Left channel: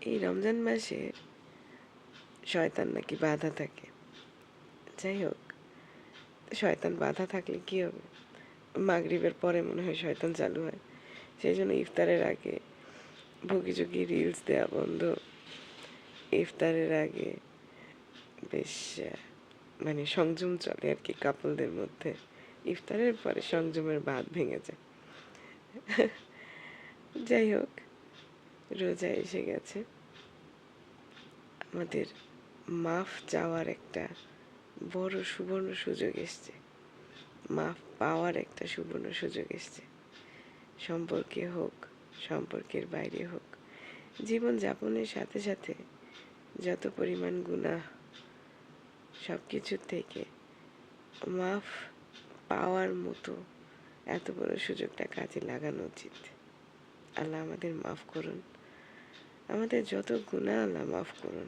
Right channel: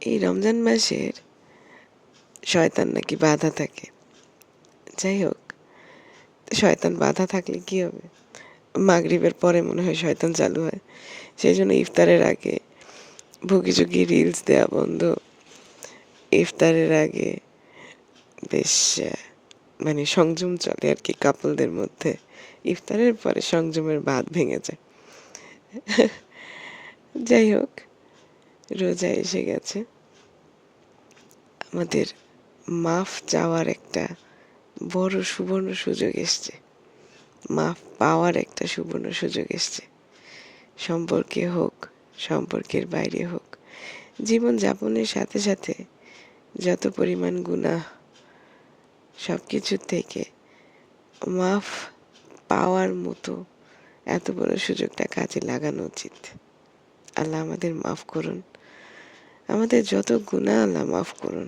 এই রমজান মাসের শয়তান নাকি বাধা থাকে। যাই হোক, শয়তান বাধা থাকলে কি হবে? মাগরিবের পরে মনে হয় শয়তান চালু হয়। সেই জন্য ইফতারের আগে ভুগি চুগি রিলস দেওয়া বন্ধ। ইফতারের আগে বেশ মানে সংযম চলে আর কি কাপলদের মধ্যে। ইফতারের পরে সংযমের বাঁধ ভেঙে যায়। যাই হোক রোজা এসে গেছে। আমাদের মাফ চাওয়ার একটা বড় সুবর্ণ সুযোগ এসছে। মাফ পাওয়ার একটা সুবর্ণ সুযোগ এসছে। সম্পর্কে হোক, সম্পর্কের বাইরে হোক, জীবন যাপনের সাথে সাথে যত পরিমাণ গুণা সব কিছুর থেকে মাফ পাওয়ার মতো এত বড় সুযোগটা কাজে লাগানো উচিত। আল্লাহ আমাদের মাফ করুন। আমাদের যত গুণা আল্লাহ মাফ করুন।